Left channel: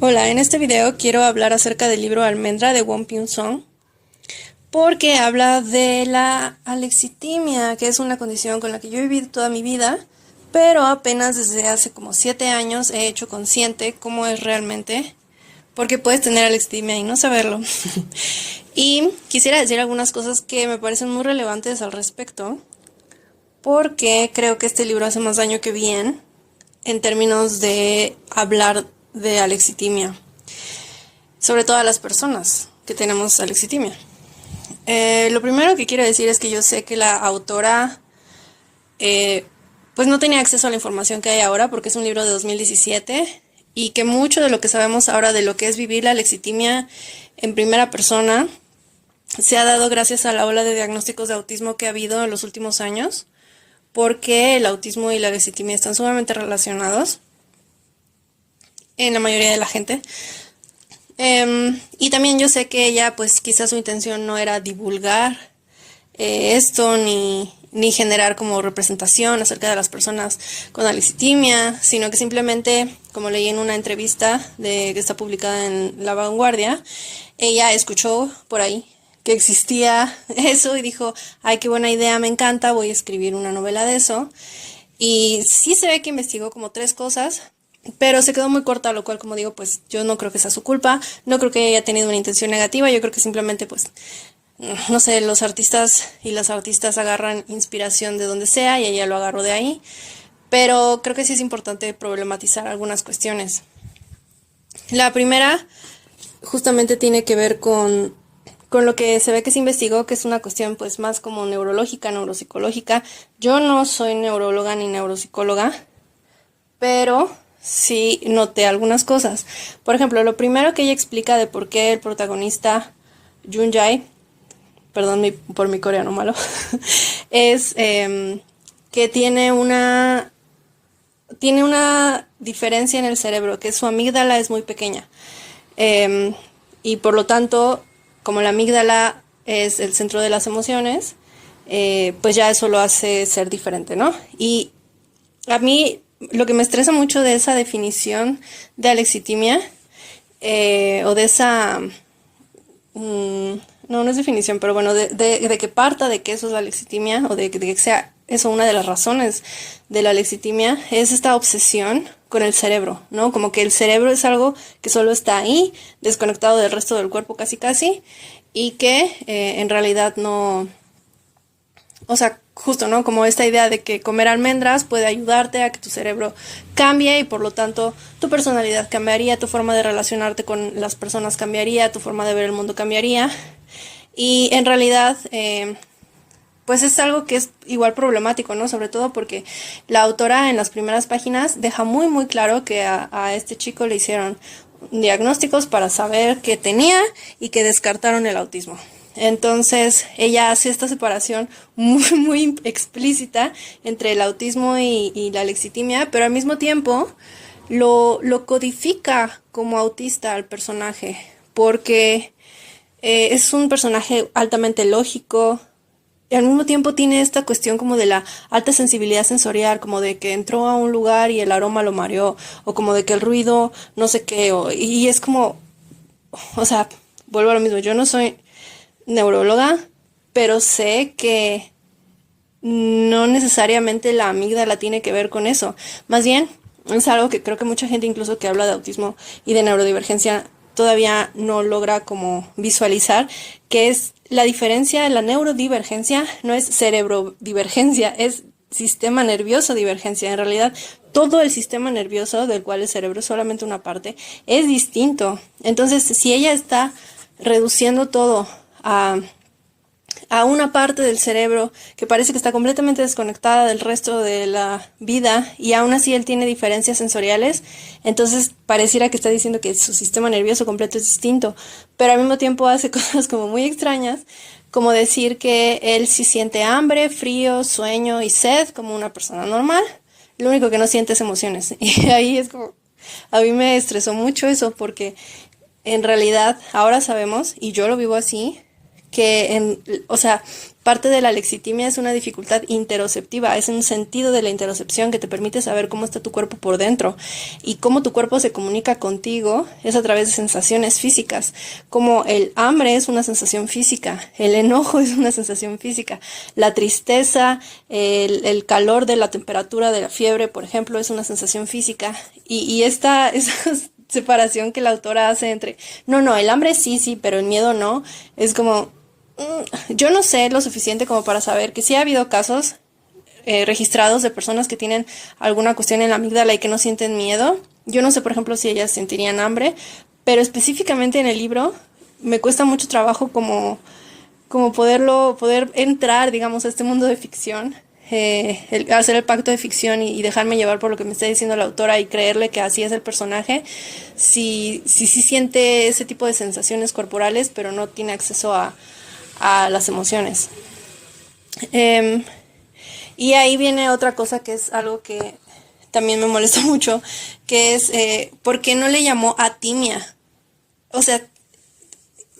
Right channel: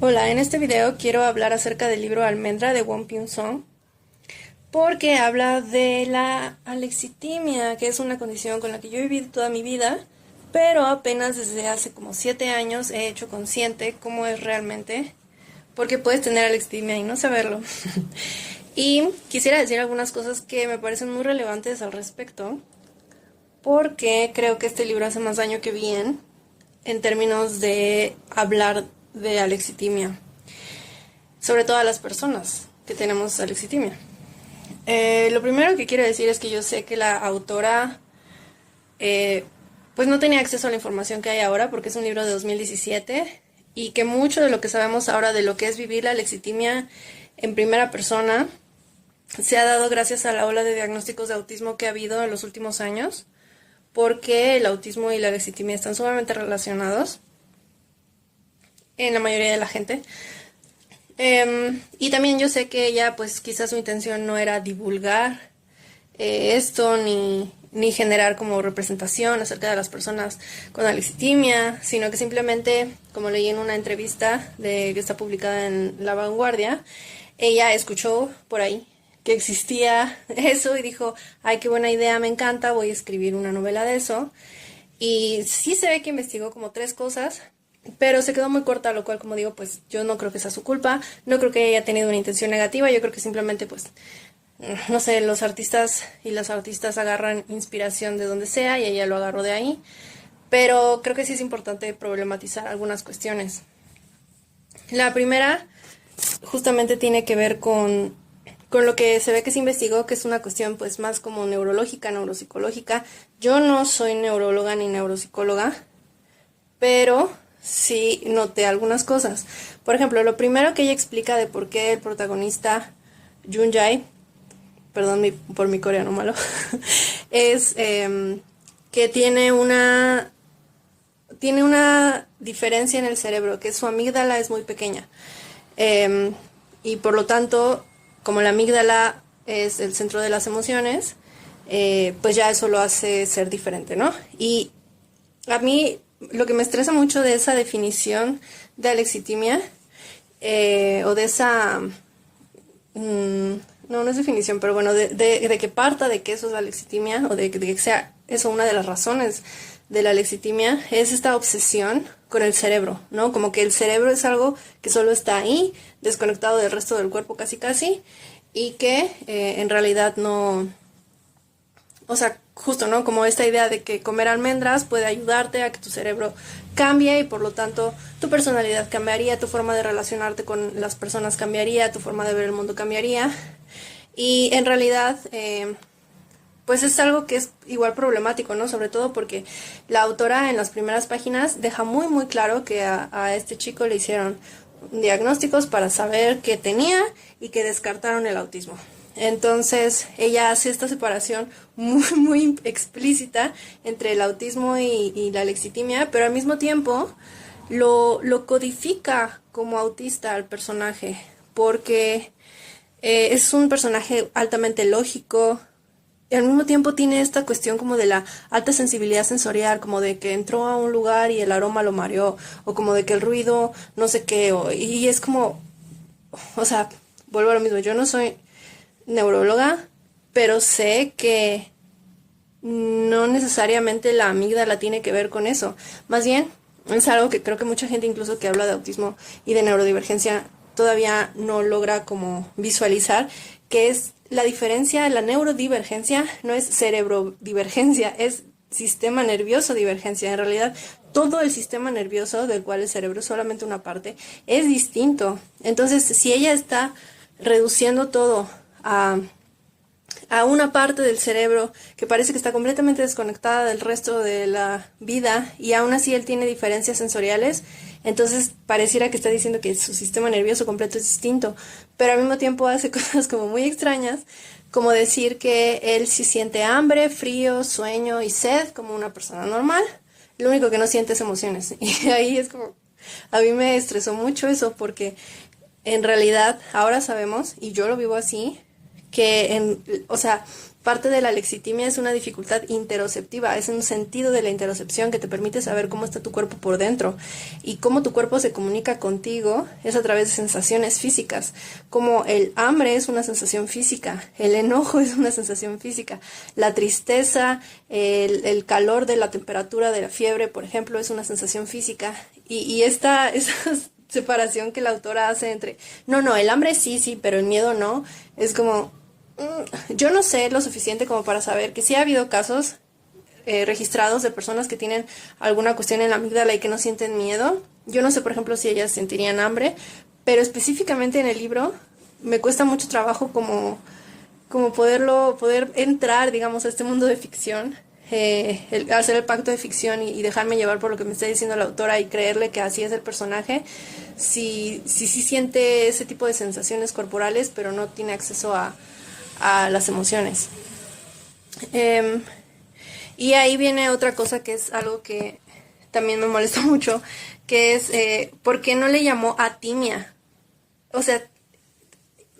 Hola, en este video quiero hablar acerca del libro Almendra de Won Pyun Song porque habla de la alexitimia, que es una condición con la que yo he vivido toda mi vida, pero apenas desde hace como 7 años he hecho consciente cómo es realmente, porque puedes tener alexitimia y no saberlo. Y quisiera decir algunas cosas que me parecen muy relevantes al respecto, porque creo que este libro hace más daño que bien en términos de hablar de alexitimia, sobre todo a las personas que tenemos alexitimia. Lo primero que quiero decir es que yo sé que la autora pues no tenía acceso a la información que hay ahora porque es un libro de 2017 y que mucho de lo que sabemos ahora de lo que es vivir la lexitimia en primera persona se ha dado gracias a la ola de diagnósticos de autismo que ha habido en los últimos años, porque el autismo y la lexitimia están sumamente relacionados en la mayoría de la gente. Y también yo sé que ella, pues quizás su intención no era divulgar esto ni generar como representación acerca de las personas con alexitimia, sino que simplemente, como leí en una entrevista que está publicada en La Vanguardia, ella escuchó por ahí que existía eso y dijo, ay, qué buena idea, me encanta, voy a escribir una novela de eso. Y sí se ve que investigó como 3 cosas, pero se quedó muy corta, lo cual, como digo, pues yo no creo que sea su culpa, no creo que haya tenido una intención negativa, yo creo que simplemente, pues, no sé, los artistas y las artistas agarran inspiración de donde sea y ella lo agarró de ahí, pero creo que sí es importante problematizar algunas cuestiones. La primera justamente tiene que ver con lo que se ve que se investigó, que es una cuestión pues más como neurológica, neuropsicológica. Yo no soy neuróloga ni neuropsicóloga, pero sí noté algunas cosas. Por ejemplo, lo primero que ella explica de por qué el protagonista Jun Jae, perdón por mi coreano malo, es que tiene una diferencia en el cerebro, que su amígdala es muy pequeña. Y por lo tanto, como la amígdala es el centro de las emociones, pues ya eso lo hace ser diferente, ¿no? Y a mí lo que me estresa mucho de esa definición de alexitimia, o de esa... no es definición, pero bueno, de que parta de que eso es la alexitimia, o de que sea eso una de las razones de la alexitimia, es esta obsesión con el cerebro, ¿no? Como que el cerebro es algo que solo está ahí, desconectado del resto del cuerpo casi casi, y que en realidad no... O sea, justo, ¿no? Como esta idea de que comer almendras puede ayudarte a que tu cerebro cambie y por lo tanto tu personalidad cambiaría, tu forma de relacionarte con las personas cambiaría, tu forma de ver el mundo cambiaría. Y en realidad, pues es algo que es igual problemático, ¿no? Sobre todo porque la autora en las primeras páginas deja muy muy claro que a este chico le hicieron diagnósticos para saber qué tenía y que descartaron el autismo. Entonces ella hace esta separación muy muy explícita entre el autismo y la lexitimia, pero al mismo tiempo lo codifica como autista al personaje, porque es un personaje altamente lógico, y al mismo tiempo tiene esta cuestión como de la alta sensibilidad sensorial, como de que entró a un lugar y el aroma lo mareó, o como de que el ruido, no sé qué, y es como, o sea, vuelvo a lo mismo, yo no soy neuróloga, pero sé que no necesariamente la amígdala tiene que ver con eso. Más bien, es algo que creo que mucha gente incluso que habla de autismo y de neurodivergencia todavía no logra como visualizar, que es la diferencia. La neurodivergencia no es cerebrodivergencia, es sistema nervioso divergencia. En realidad, todo el sistema nervioso, del cual el cerebro es solamente una parte, es distinto. Entonces, si ella está reduciendo todo a una parte del cerebro que parece que está completamente desconectada del resto de la vida y aún así él tiene diferencias sensoriales, entonces pareciera que está diciendo que su sistema nervioso completo es distinto, pero al mismo tiempo hace cosas como muy extrañas, como decir que él sí siente hambre, frío, sueño y sed como una persona normal, lo único que no siente es emociones. Y ahí es como, a mí me estresó mucho eso porque en realidad ahora sabemos, y yo lo vivo así, o sea, parte de la lexitimia es una dificultad interoceptiva, es un sentido de la interocepción que te permite saber cómo está tu cuerpo por dentro y cómo tu cuerpo se comunica contigo es a través de sensaciones físicas, como el hambre es una sensación física, el enojo es una sensación física, la tristeza, el calor de la temperatura de la fiebre, por ejemplo, es una sensación física y esta separación que la autora hace entre, no, el hambre sí, pero el miedo no, es como... Yo no sé lo suficiente como para saber que sí ha habido casos registrados de personas que tienen alguna cuestión en la amígdala y que no sienten miedo. Yo no sé, por ejemplo, si ellas sentirían hambre, pero específicamente en el libro me cuesta mucho trabajo como poder entrar, digamos, a este mundo de ficción, hacer el pacto de ficción y dejarme llevar por lo que me está diciendo la autora y creerle que así es el personaje, si siente ese tipo de sensaciones corporales, pero no tiene acceso a las emociones. Y ahí viene otra cosa que es algo que también me molesta mucho, que es ¿por qué no le llamó atimia? O sea,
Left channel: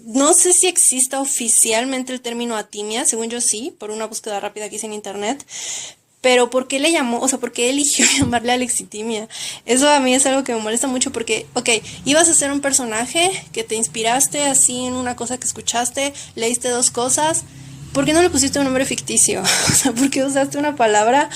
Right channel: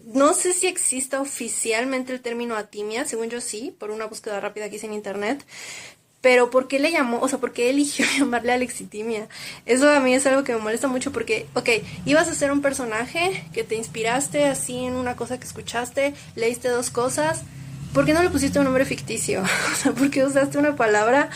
no sé si exista oficialmente el término atimia, según yo sí, por una búsqueda rápida que hice en internet, pero ¿por qué le llamó? O sea, ¿por qué eligió llamarle alexitimia? Eso a mí es algo que me molesta mucho porque, ok, ibas a ser un personaje que te inspiraste así en una cosa que escuchaste, leíste dos cosas, ¿por qué no le pusiste un nombre ficticio? O sea, ¿por qué usaste una palabra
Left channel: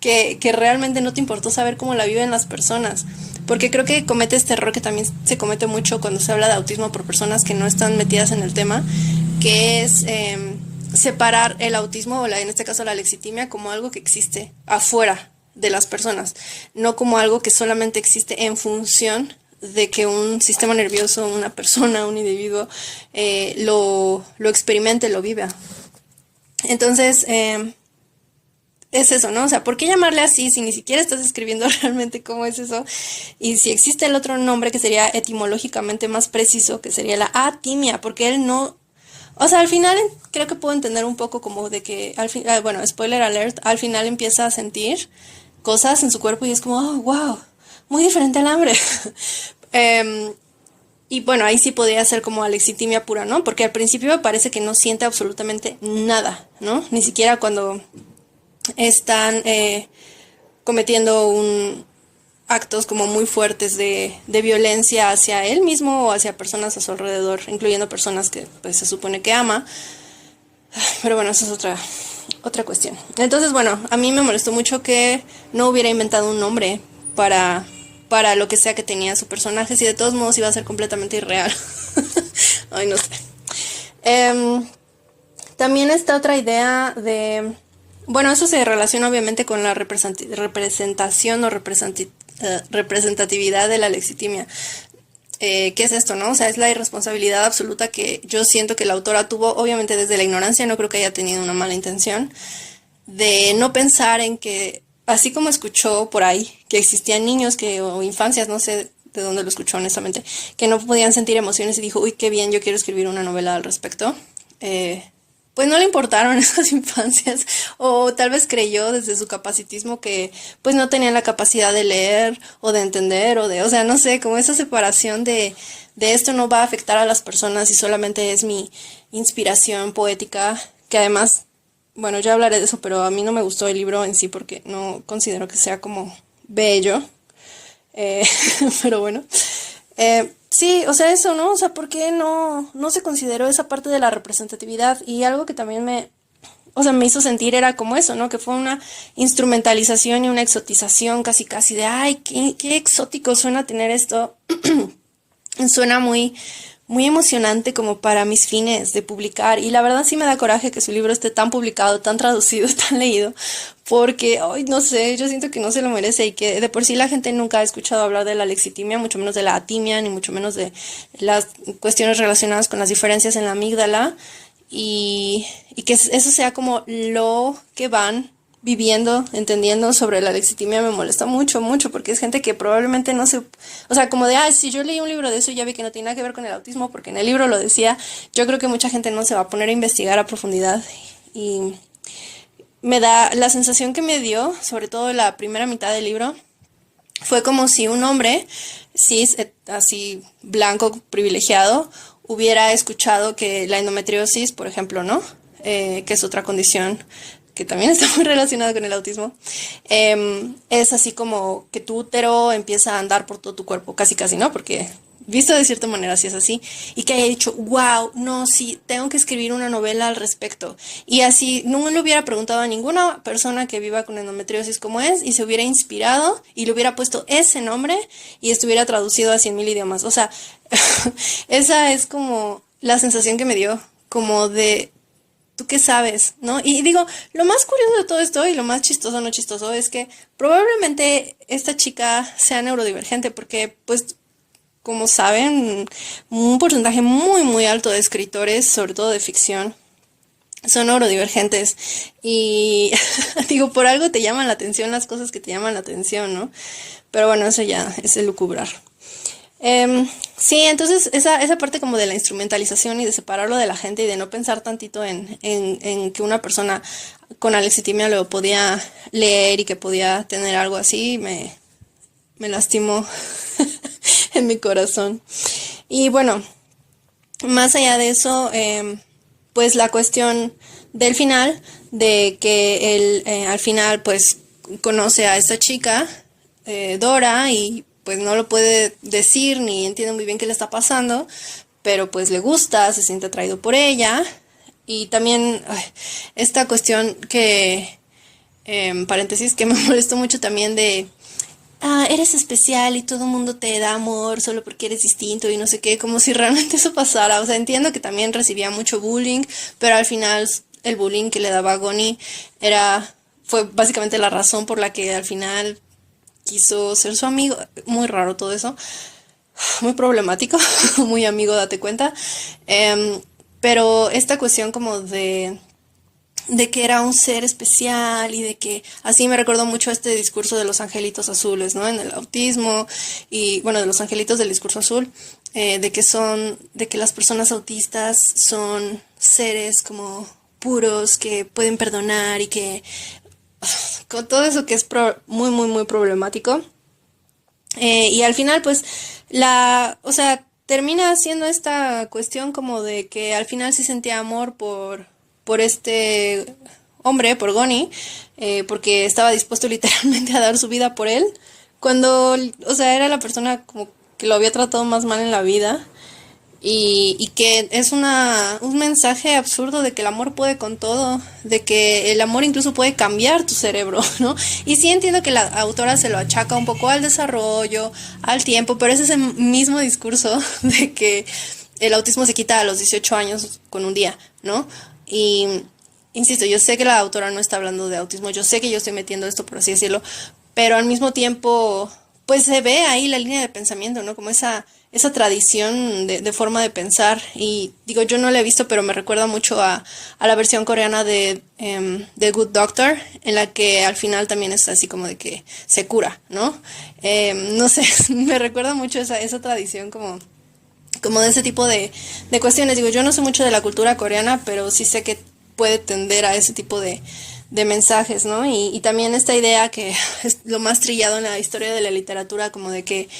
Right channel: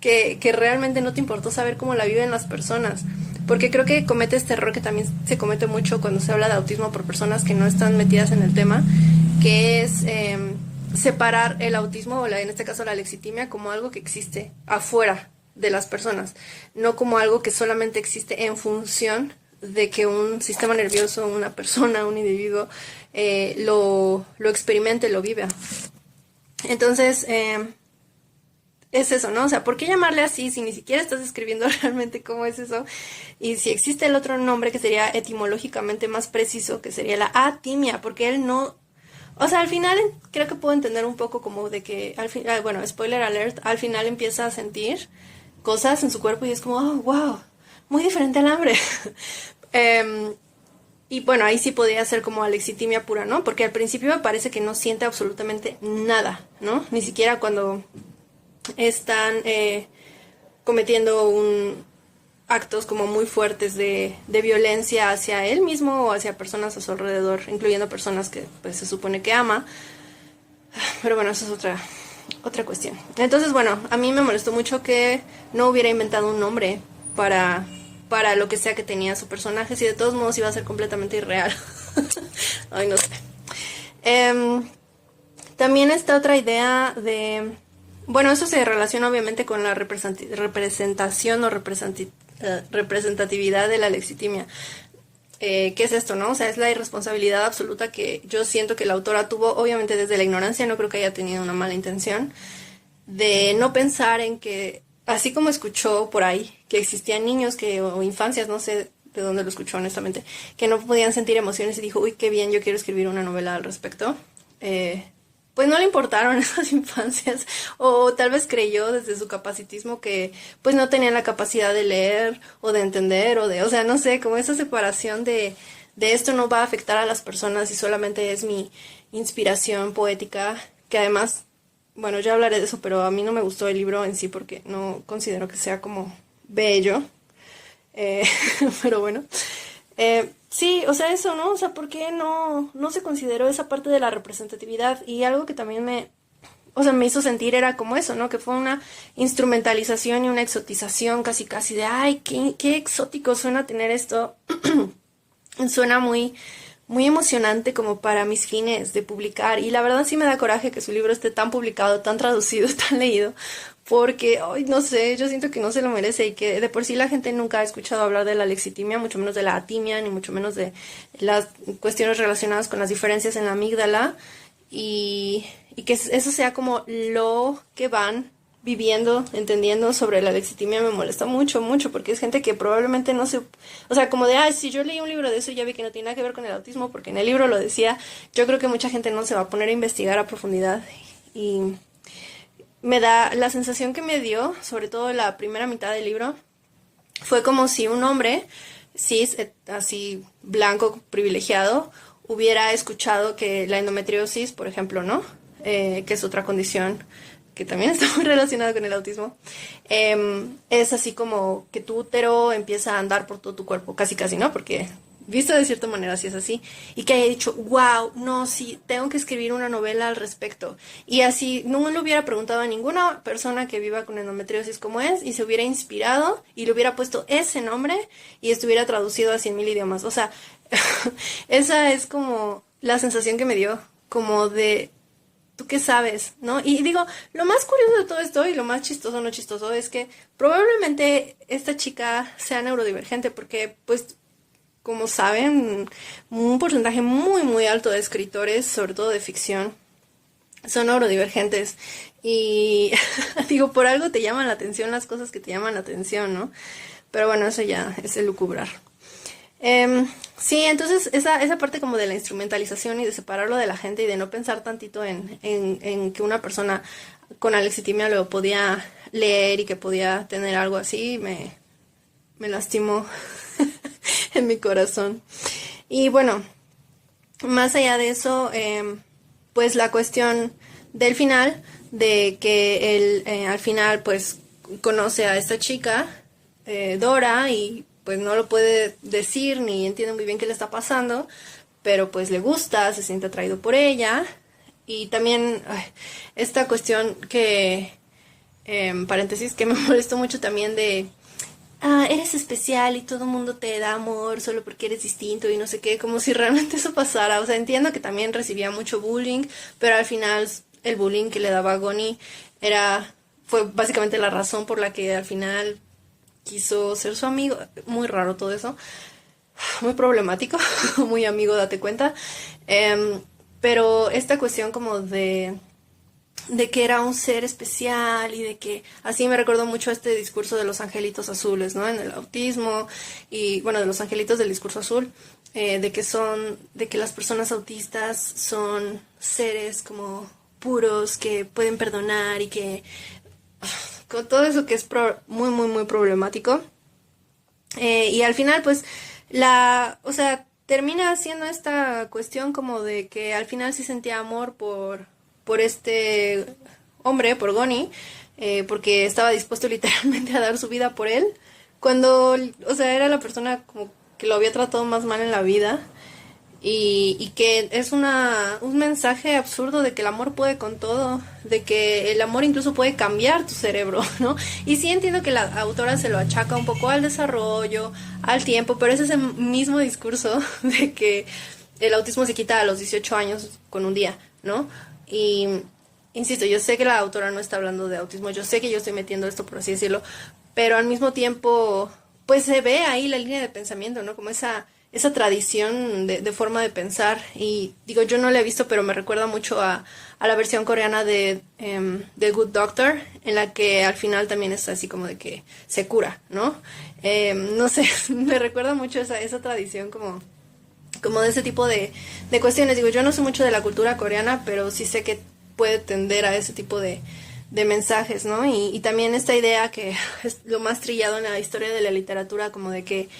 que realmente no te importó saber cómo la viven las personas? Porque creo que comete este error que también se comete mucho cuando se habla de autismo por personas que no están metidas en el tema, que es separar el autismo o en este caso la lexitimia como algo que existe afuera de las personas, no como algo que solamente existe en función de que un sistema nervioso, una persona, un individuo lo experimente, lo viva. Entonces, es eso, ¿no? O sea, ¿por qué llamarle así si ni siquiera estás describiendo realmente cómo es eso? Y si existe el otro nombre que sería etimológicamente más preciso, que sería la atimia, porque él no... O sea, al final creo que puedo entender un poco como de que, bueno, spoiler alert, al final empieza a sentir cosas en su cuerpo y es como, oh, wow, muy diferente al hambre. Y bueno, ahí sí podría ser como alexitimia pura, ¿no? Porque al principio me parece que no siente absolutamente nada, ¿no? Ni siquiera cuando están cometiendo actos como muy fuertes de violencia hacia él mismo o hacia personas a su alrededor, incluyendo personas que pues se supone que ama. Pero bueno, eso es otra cuestión. Entonces, bueno, a mí me molestó mucho que no hubiera inventado un nombre para lo que sea que tenía su personaje, si de todos modos iba a ser completamente irreal. Ay, no sé. También está otra idea de... Bueno, eso se relaciona obviamente con la representación o representatividad de la lexitimia. ¿Qué es esto, no? O sea, es la irresponsabilidad absoluta que yo siento que la autora tuvo, obviamente desde la ignorancia, no creo que haya tenido una mala intención, de no pensar en que, así como escuchó por ahí, que existían niños o infancias, no sé de dónde lo escuchó honestamente, que no podían sentir emociones y dijo, uy, qué bien, yo quiero escribir una novela al respecto. Pues no le importaron esas infancias o tal vez creyó desde su capacitismo que pues no tenían la capacidad de leer o de entender o sea, no sé, como esa separación de esto no va a afectar a las personas y solamente es mi inspiración poética, que además, bueno, ya hablaré de eso, pero a mí no me gustó el libro en sí porque no considero que sea como bello, pero bueno. Sí, o sea, eso, ¿no? O sea, ¿por qué no se consideró esa parte de la representatividad? Y algo que también me hizo sentir era como eso, ¿no? Que fue una instrumentalización y una exotización casi de, ay, qué exótico suena tener esto. Suena muy emocionante como para mis fines de publicar. Y la verdad sí me da coraje que su libro esté tan publicado, tan traducido, tan leído, porque, ay, no sé, yo siento que no se lo merece y que de por sí la gente nunca ha escuchado hablar de la lexitimia, mucho menos de la atimia, ni mucho menos de las cuestiones relacionadas con las diferencias en la amígdala y que eso sea como lo que van viviendo, entendiendo sobre la lexitimia me molesta mucho, porque es gente que probablemente no se... O sea, como de, si yo leí un libro de eso y ya vi que no tiene nada que ver con el autismo, porque en el libro lo decía, yo creo que mucha gente no se va a poner a investigar a profundidad y me da la sensación que me dio, sobre todo la primera mitad del libro, fue como si un hombre cis, así blanco, privilegiado, hubiera escuchado que la endometriosis, por ejemplo, ¿no? Que es otra condición que también está muy relacionada con el autismo, es así como que tu útero empieza a andar por todo tu cuerpo, casi casi, ¿no? Porque visto de cierta manera sí es así, y que haya dicho, wow, no, sí, tengo que escribir una novela al respecto. Y así no le hubiera preguntado a ninguna persona que viva con endometriosis cómo es, y se hubiera inspirado y le hubiera puesto ese nombre y estuviera traducido a 100.000 idiomas. O sea, esa es como la sensación que me dio, como de ¿tú qué sabes? ¿No? Y digo, lo más curioso de todo esto y lo más chistoso, no chistoso, es que probablemente esta chica sea neurodivergente porque, pues, como saben, un porcentaje muy, muy alto de escritores, sobre todo de ficción, son neurodivergentes. Y digo, por algo te llaman la atención las cosas que te llaman la atención, ¿no? Pero bueno, eso ya es el lucubrar. Sí, entonces esa parte como de la instrumentalización y de separarlo de la gente y de no pensar tantito en que una persona con alexitimia lo podía leer y que podía tener algo así, me lastimó en mi corazón. Y bueno, más allá de eso, pues la cuestión del final, de que él al final pues conoce a esta chica, Dora, y pues no lo puede decir ni entiende muy bien qué le está pasando, pero pues le gusta, se siente atraído por ella. Y también esta cuestión que, paréntesis, que me molestó mucho también de eres especial y todo el mundo te da amor solo porque eres distinto y no sé qué, como si realmente eso pasara. O sea, entiendo que también recibía mucho bullying, pero al final el bullying que le daba a Goni fue básicamente la razón por la que al final quiso ser su amigo. Muy raro todo eso, muy problemático, muy amigo, date cuenta. Pero esta cuestión como de que era un ser especial y de que así me recordó mucho este discurso de los angelitos azules, ¿no? En el autismo y bueno, de los angelitos del discurso azul, de que las personas autistas son seres como puros que pueden perdonar y que con todo eso que es muy, muy, muy problemático. Y al final, pues, o sea, termina siendo esta cuestión como de que al final sí sentía amor por este hombre, por Goni, porque estaba dispuesto literalmente a dar su vida por él, cuando, o sea, era la persona como que lo había tratado más mal en la vida. Y que es un mensaje absurdo de que el amor puede con todo, de que el amor incluso puede cambiar tu cerebro, ¿no? Y sí entiendo que la autora se lo achaca un poco al desarrollo, al tiempo, pero es ese mismo discurso de que el autismo se quita a los 18 años con un día, ¿no? Y insisto, yo sé que la autora no está hablando de autismo, yo sé que yo estoy metiendo esto, por así decirlo, pero al mismo tiempo, pues se ve ahí la línea de pensamiento, ¿no? Como esa tradición de forma de pensar. Y digo, yo no la he visto, pero me recuerda mucho a la versión coreana de The Good Doctor, en la que al final también es así como de que se cura, ¿no? No sé, me recuerda mucho esa tradición como de ese tipo de cuestiones. Digo, yo no sé mucho de la cultura coreana, pero sí sé que puede tender a ese tipo de mensajes, ¿no? Y también esta idea que es lo más trillado en la historia de la literatura, como de que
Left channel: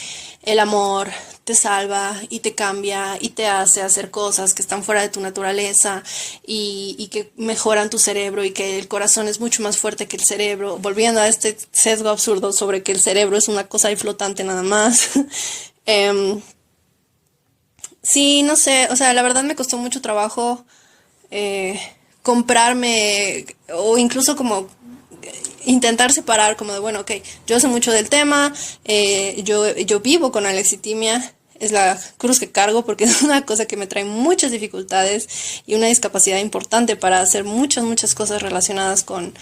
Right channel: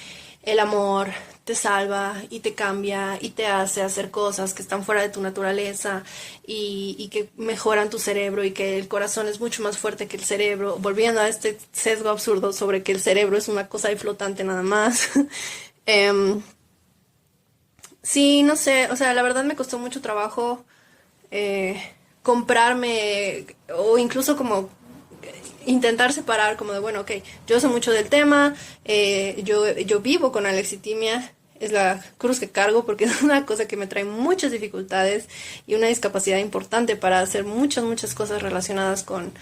el amor te salva y te cambia y te hace hacer cosas que están fuera de tu naturaleza y que mejoran tu cerebro y que el corazón es mucho más fuerte que el cerebro, volviendo a este sesgo absurdo sobre que el cerebro es una cosa ahí flotante nada más. Sí, no sé, o sea, la verdad me costó mucho trabajo comprarme o incluso como intentar separar como de, bueno, ok, yo sé mucho del tema, yo vivo con alexitimia, es la cruz que cargo porque es una cosa que me trae muchas dificultades y una discapacidad importante para hacer muchas, muchas cosas relacionadas con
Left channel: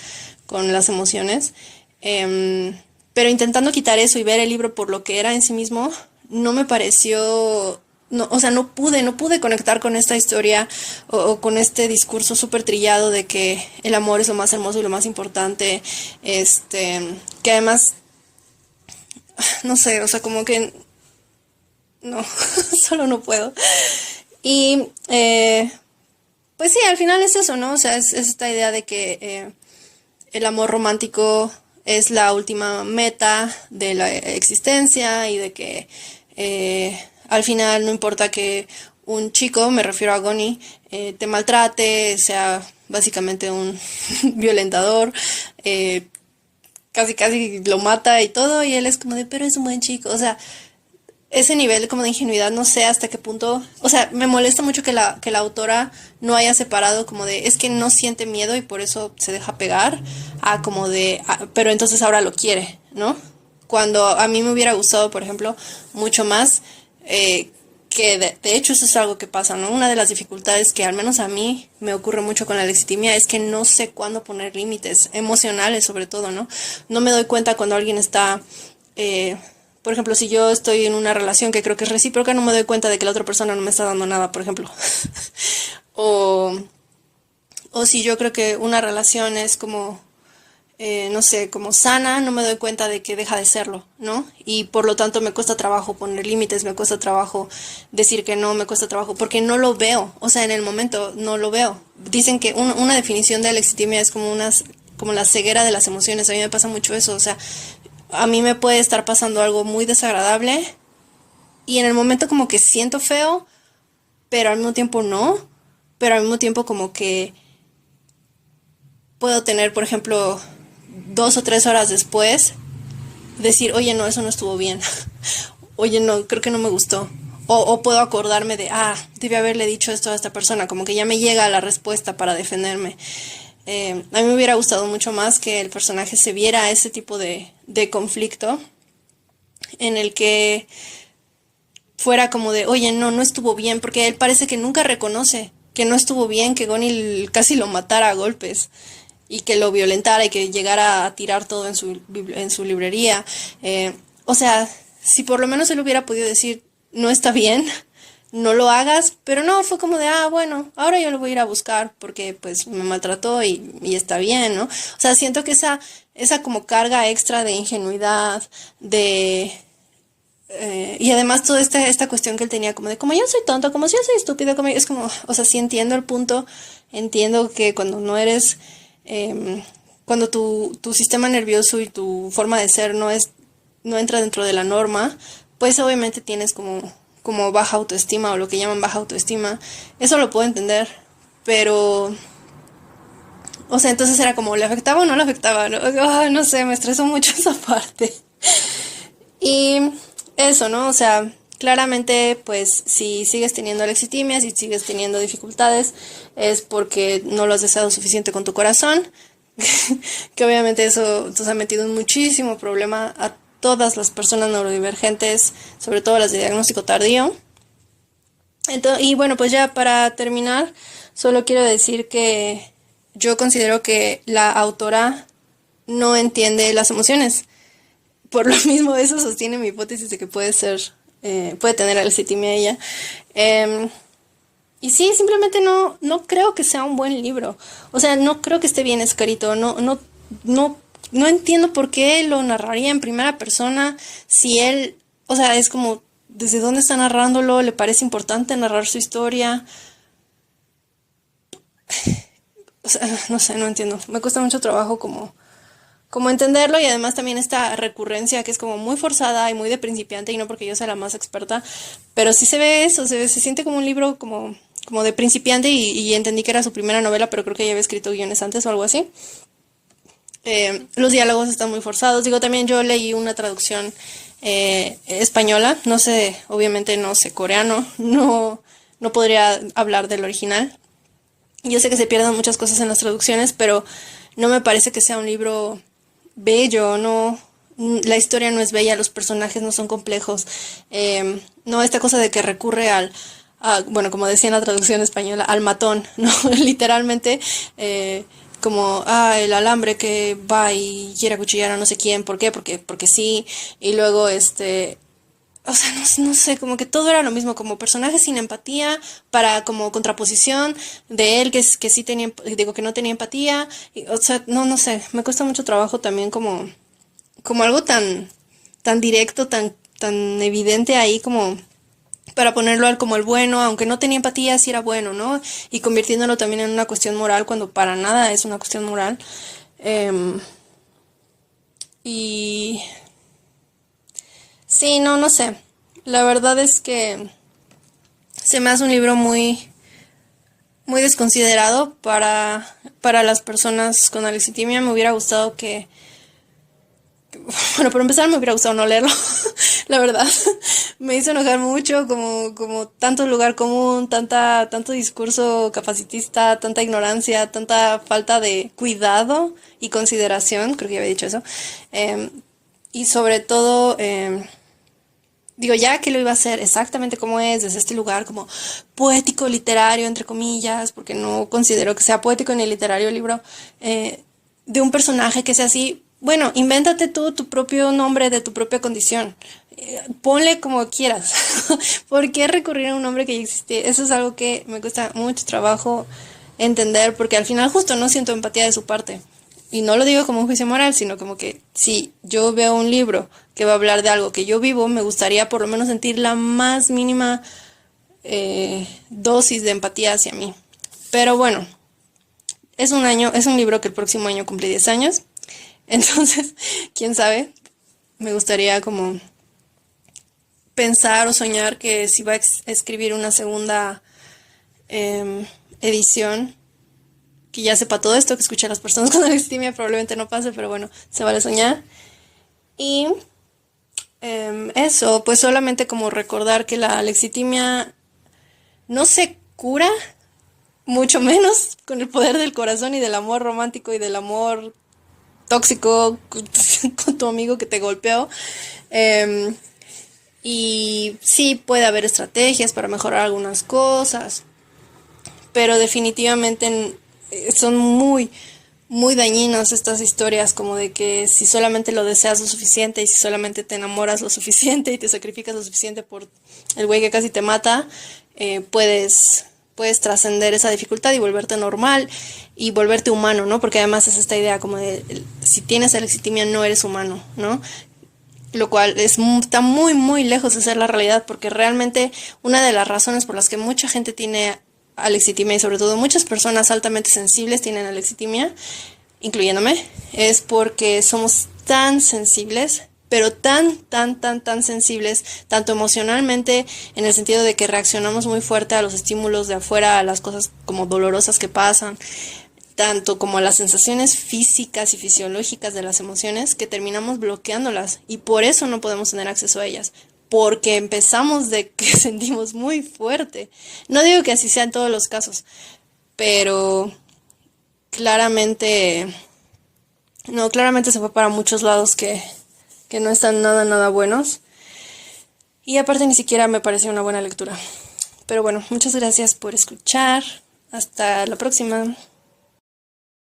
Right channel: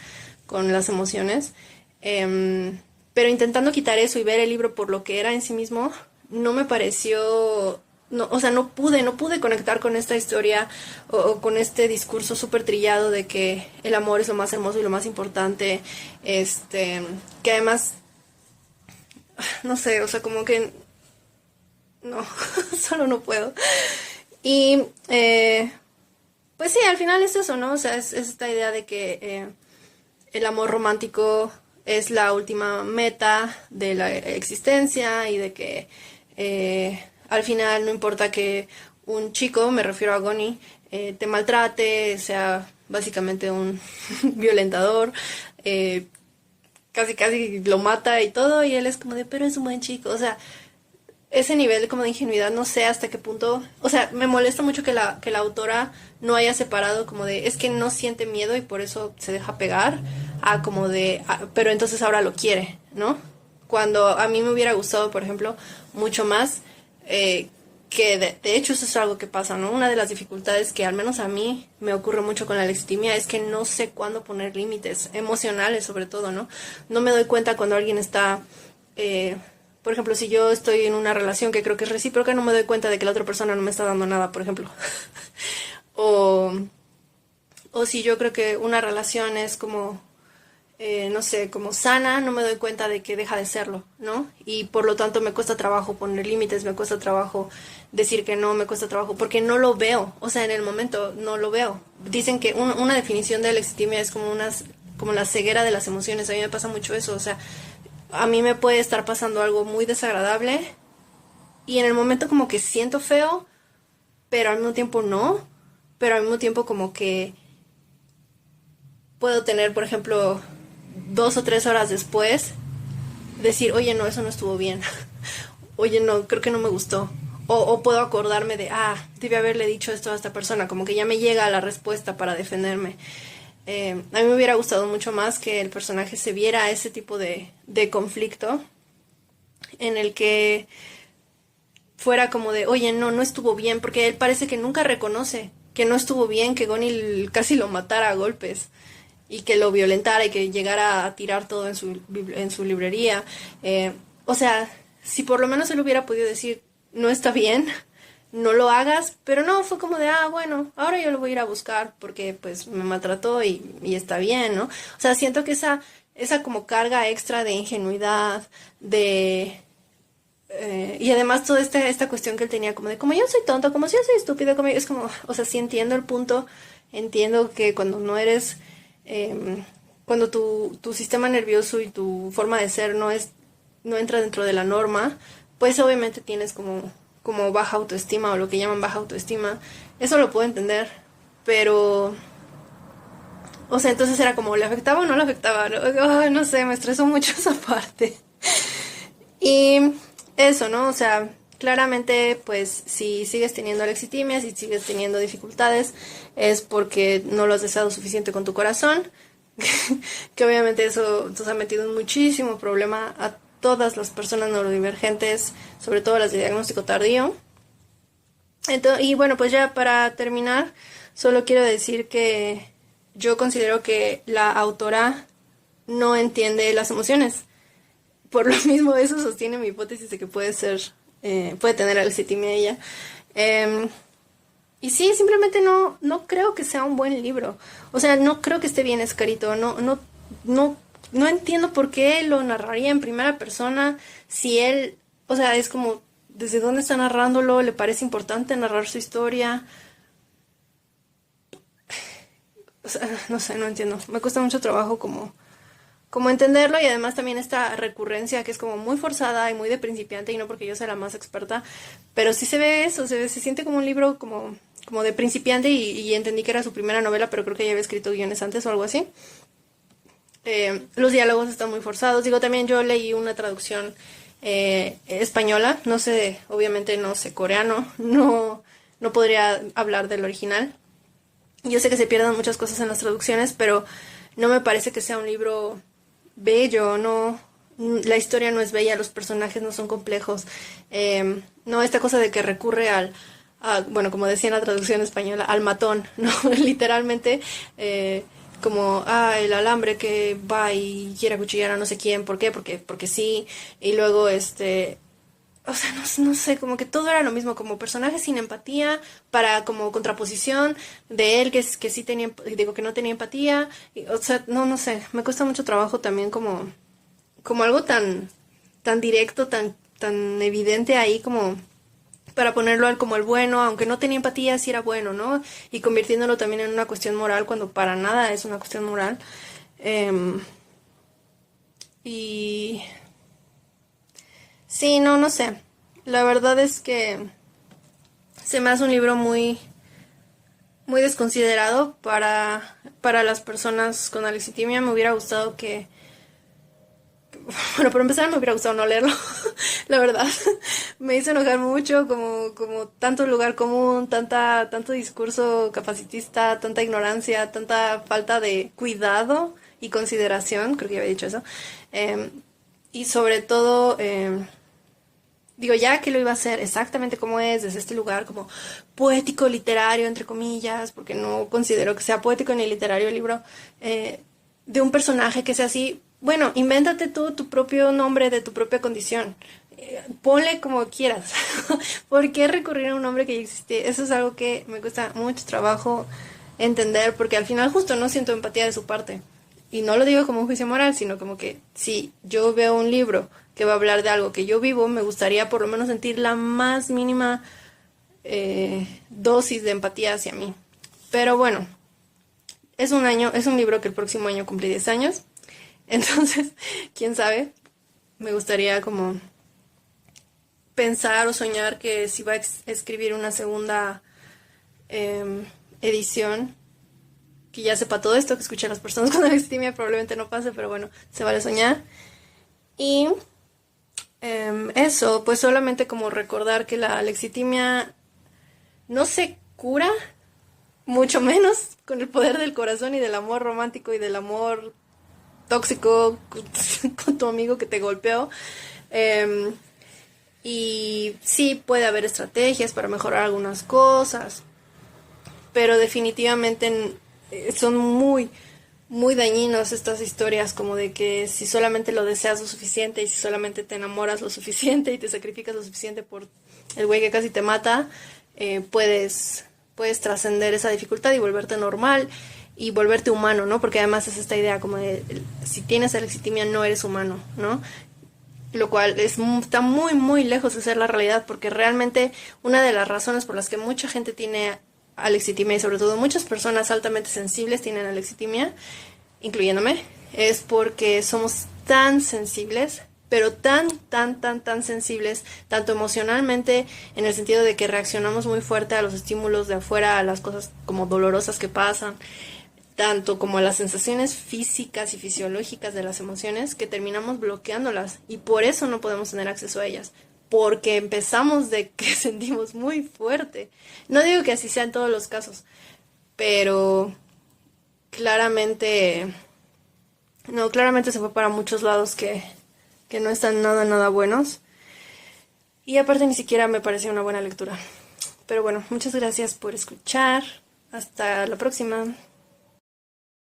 las emociones. Pero intentando quitar eso y ver el libro por lo que era en sí mismo, no me pareció, no, o sea, no pude conectar con esta historia o con este discurso súper trillado de que el amor es lo más hermoso y lo más importante, que además, no sé, o sea, como que, no, solo no puedo. Y, pues sí, al final es eso, ¿no? O sea, es esta idea de que el amor romántico es la última meta de la existencia y de que al final no importa que un chico, me refiero a Goni, te maltrate, sea básicamente un violentador, eh, casi casi lo mata y todo, y él es como de, pero es un buen chico, o sea, ese nivel como de ingenuidad, no sé hasta qué punto, o sea, me molesta mucho que la autora no haya separado como de, es que no siente miedo y por eso se deja pegar, a como de, pero entonces ahora lo quiere, ¿no? Cuando a mí me hubiera gustado, por ejemplo, mucho más, que de hecho eso es algo que pasa, ¿no? Una de las dificultades que al menos a mí me ocurre mucho con la legitimia es que no sé cuándo poner límites, emocionales sobre todo, ¿no? No me doy cuenta cuando alguien está... por ejemplo, si yo estoy en una relación que creo que es recíproca, no me doy cuenta de que la otra persona no me está dando nada, por ejemplo. o, o si yo creo que una relación es como, no sé, como sana, no me doy cuenta de que deja de serlo, ¿no? Y por lo tanto me cuesta trabajo poner límites, me cuesta trabajo decir que no, me cuesta trabajo, porque no lo veo, o sea, en el momento no lo veo. Dicen que una definición de legitimia es como como la ceguera de las emociones, a mí me pasa mucho eso, o sea, a mí me puede estar pasando algo muy desagradable y en el momento como que siento feo, pero al mismo tiempo no, pero al mismo tiempo como que puedo tener, por ejemplo, 2 o 3 horas después, decir, oye, no, eso no estuvo bien, oye, no, creo que no me gustó. O puedo acordarme de, debí haberle dicho esto a esta persona, como que ya me llega la respuesta para defenderme. A mí me hubiera gustado mucho más que el personaje se viera ese tipo de conflicto en el que fuera como de, oye, no, no estuvo bien, porque él parece que nunca reconoce que no estuvo bien, que Gonil casi lo matara a golpes y que lo violentara y que llegara a tirar todo en su librería. O sea, si por lo menos él hubiera podido decir, no está bien, no lo hagas, pero no, fue como de, bueno, ahora yo lo voy a ir a buscar porque pues me maltrató y está bien, ¿no? O sea, siento que esa como carga extra de ingenuidad, de y además toda esta cuestión que él tenía como de, como yo soy tonto, como si yo soy estúpido, como es como, o sea, sí entiendo el punto, entiendo que cuando no eres, cuando tu sistema nervioso y tu forma de ser no entra dentro de la norma, pues obviamente tienes como baja autoestima o lo que llaman baja autoestima, eso lo puedo entender, pero, o sea, entonces era como, ¿le afectaba o no le afectaba? No, no sé, me estresó mucho esa parte. Y eso, ¿no? O sea, claramente, pues si sigues teniendo lexitimia, si sigues teniendo dificultades, es porque no lo has deseado suficiente con tu corazón, que obviamente eso nos ha metido en muchísimo problema a todas las personas neurodivergentes, sobre todo las de diagnóstico tardío. Entonces, y bueno, pues ya para terminar, solo quiero decir que yo considero que la autora no entiende las emociones. Por lo mismo, eso sostiene mi hipótesis de que puede tener alcitimia ella. Eh, y sí, simplemente no creo que sea un buen libro. O sea, no creo que esté bien escrito. No entiendo por qué lo narraría en primera persona si él, o sea, es como, ¿desde dónde está narrándolo? ¿Le parece importante narrar su historia? O sea, no sé, no entiendo. Me cuesta mucho trabajo como entenderlo y además también esta recurrencia que es como muy forzada y muy de principiante y no porque yo sea la más experta, pero sí se ve eso, se siente como un libro como de principiante y entendí que era su primera novela, pero creo que ya había escrito guiones antes o algo así. Los diálogos están muy forzados, digo, también yo leí una traducción española, no sé, obviamente no sé coreano, no podría hablar del original. Yo sé que se pierden muchas cosas en las traducciones, pero no me parece que sea un libro bello, no, la historia no es bella, los personajes no son complejos, no esta cosa de que recurre bueno, como decía en la traducción española, al matón, ¿no? Literalmente, como, el alambre que va y quiere acuchillar a no sé quién, ¿por qué? Porque sí, y luego, o sea, no sé, como que todo era lo mismo, como personaje sin empatía, para como contraposición de él que sí tenía, digo que no tenía empatía, o sea, no sé, me cuesta mucho trabajo también como algo tan directo, tan evidente ahí como para ponerlo al como el bueno, aunque no tenía empatía, sí era bueno, ¿no? Y convirtiéndolo también en una cuestión moral cuando para nada es una cuestión moral. Y sí, no sé. La verdad es que se me hace un libro muy, muy desconsiderado para las personas con alexitimia. Me hubiera gustado que, bueno, por empezar me hubiera gustado no leerlo, la verdad. Me hizo enojar mucho, como tanto lugar común, tanto discurso capacitista, tanta ignorancia, tanta falta de cuidado y consideración, creo que ya había dicho eso. Eh, y sobre todo, digo, ya que lo iba a hacer exactamente como es, desde este lugar como poético, literario, entre comillas, porque no considero que sea poético ni literario el libro, de un personaje que sea así, bueno, invéntate tú tu propio nombre de tu propia condición. Ponle como quieras. ¿Por qué recurrir a un nombre que ya existe? Eso es algo que me cuesta mucho trabajo entender, porque al final justo no siento empatía de su parte. Y no lo digo como un juicio moral, sino como que si yo veo un libro que va a hablar de algo que yo vivo, me gustaría por lo menos sentir la más mínima dosis de empatía hacia mí. Pero bueno, es un libro que el próximo año cumple 10 años. Entonces, quién sabe, me gustaría como pensar o soñar que si va a escribir una segunda edición, que ya sepa todo esto, que escuche a las personas con alexitimia, probablemente no pase, pero bueno, se vale soñar. Y eso, pues solamente como recordar que la alexitimia no se cura, mucho menos con el poder del corazón y del amor romántico y del amor tóxico con tu amigo que te golpeó. Eh, y sí puede haber estrategias para mejorar algunas cosas, pero definitivamente son muy, muy dañinas estas historias como de que si solamente lo deseas lo suficiente y si solamente te enamoras lo suficiente y te sacrificas lo suficiente por el güey que casi te mata, puedes trascender esa dificultad y volverte normal y volverte humano, ¿no? Porque además es esta idea como de si tienes alexitimia no eres humano, ¿no? Lo cual está muy, muy lejos de ser la realidad, porque realmente una de las razones por las que mucha gente tiene alexitimia y sobre todo muchas personas altamente sensibles tienen alexitimia, incluyéndome, es porque somos tan sensibles, pero tan sensibles, tanto emocionalmente, en el sentido de que reaccionamos muy fuerte a los estímulos de afuera, a las cosas como dolorosas que pasan, tanto como las sensaciones físicas y fisiológicas de las emociones, que terminamos bloqueándolas y por eso no podemos tener acceso a ellas, porque empezamos de que sentimos muy fuerte. No digo que así sea en todos los casos, pero claramente, no, claramente se fue para muchos lados que no están nada buenos. Y aparte ni siquiera me parece una buena lectura. Pero bueno, muchas gracias por escuchar. Hasta la próxima.